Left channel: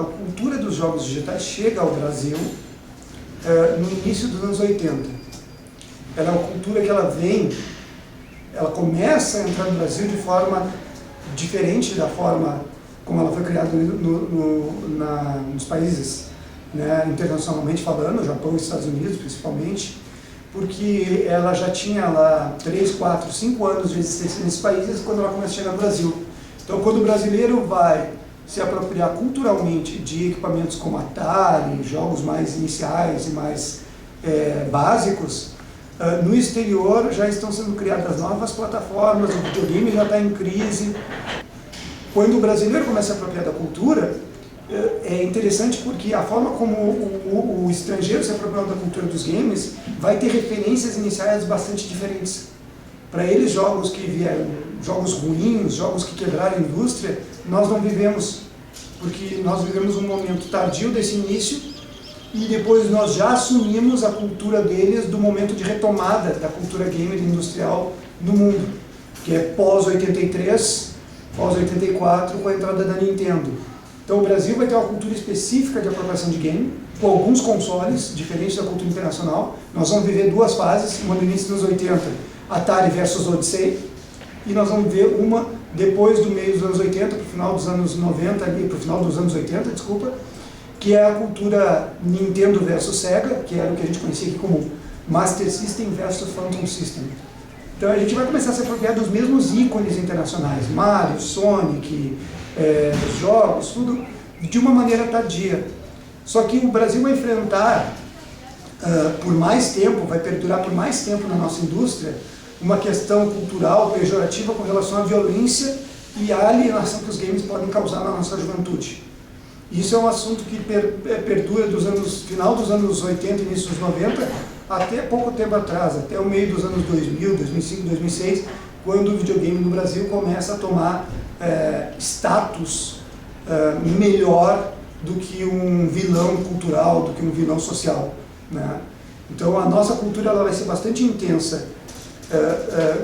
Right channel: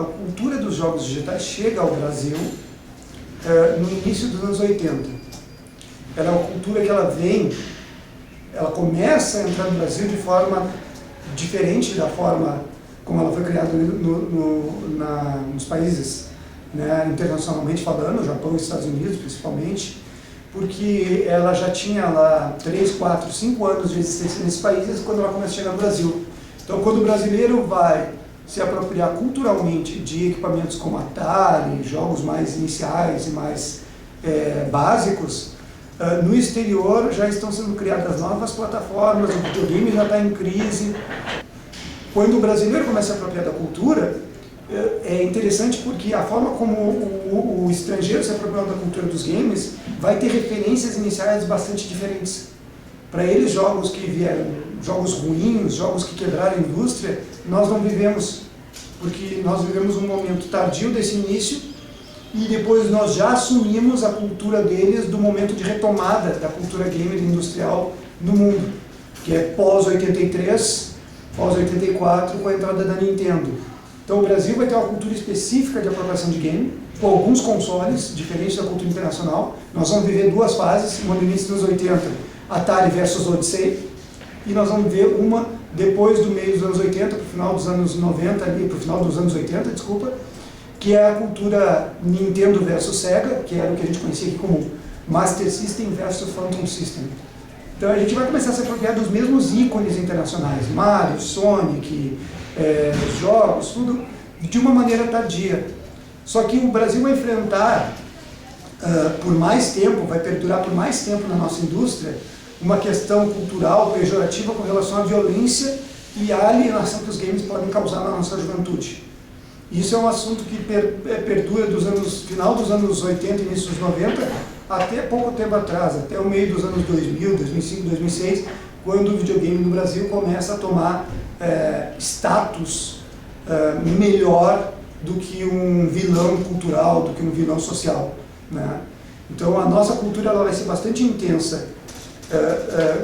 a cultura dos jogos digitais chega ao Brasil no início dos anos 80. Ela é uma cultura que ela começa a entrar no Brasil de forma diferente da forma como ela foi criada nos países, né, internacionalmente falando, Japão e Estados Unidos principalmente, porque ela já tinha lá 3, 4, 5 anos de existência nesses países quando ela começa a chegar no Brasil. Então, quando o brasileiro vai se apropriar culturalmente de equipamentos como Atari, jogos mais iniciais e mais básicos, no exterior já estão sendo criadas novas plataformas, o videogame já está em crise. Quando o brasileiro começa a se apropriar da cultura, é interessante porque a forma como o estrangeiro se apropriou da cultura dos games vai ter referências iniciais bastante diferentes. Para eles, jogos que vieram, jogos ruins, jogos que quebraram a indústria, nós não vivemos, porque nós vivemos um momento tardio desse início e depois nós já assumimos a cultura deles do momento de retomada da cultura gamer industrial no mundo, que é pós-83, pós-84, com a entrada da Nintendo. Então o Brasil vai ter uma cultura específica de apropriação de game, com alguns consoles, diferentes da cultura internacional. Nós vamos viver duas fases, uma no início dos 80, Atari versus Odyssey, e nós vamos ver uma depois do meio dos anos 80, para o final dos anos 90, para o final dos anos 80, desculpa, que é a cultura Nintendo versus Sega, que era o que a gente conhecia aqui como Master System versus Phantom System. Então a gente vai começar a se apropriar dos mesmos ícones internacionais, Mario, Sonic, jogos, tudo de uma maneira tardia. Só que o Brasil vai enfrentar por mais tempo, vai perdurar por mais tempo na nossa indústria, uma questão cultural pejorativa com relação à violência e à alienação que os games podem causar na nossa juventude. Isso é um assunto que perdura final dos anos 80 e início dos 90, até pouco tempo atrás, até o meio dos anos 2000, 2005, 2006, quando o videogame no Brasil começa a tomar status melhor do que um vilão cultural, do que um vilão social, né? Então a nossa cultura ela vai ser bastante intensa,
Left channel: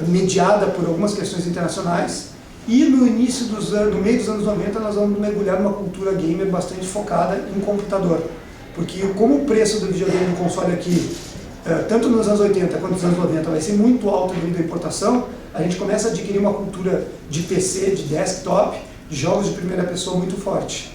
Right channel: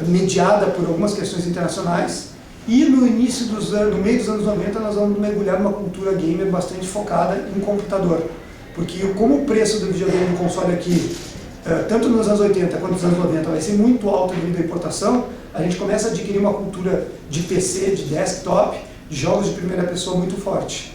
mediada por algumas questões internacionais, e no meio dos anos 90 nós vamos mergulhar numa cultura gamer bastante focada em computador, porque como o preço do videogame do console aqui, tanto nos anos 80 quanto nos anos 90 vai ser muito alto devido à importação, a gente começa a adquirir uma cultura de PC, de desktop, de jogos de primeira pessoa muito forte.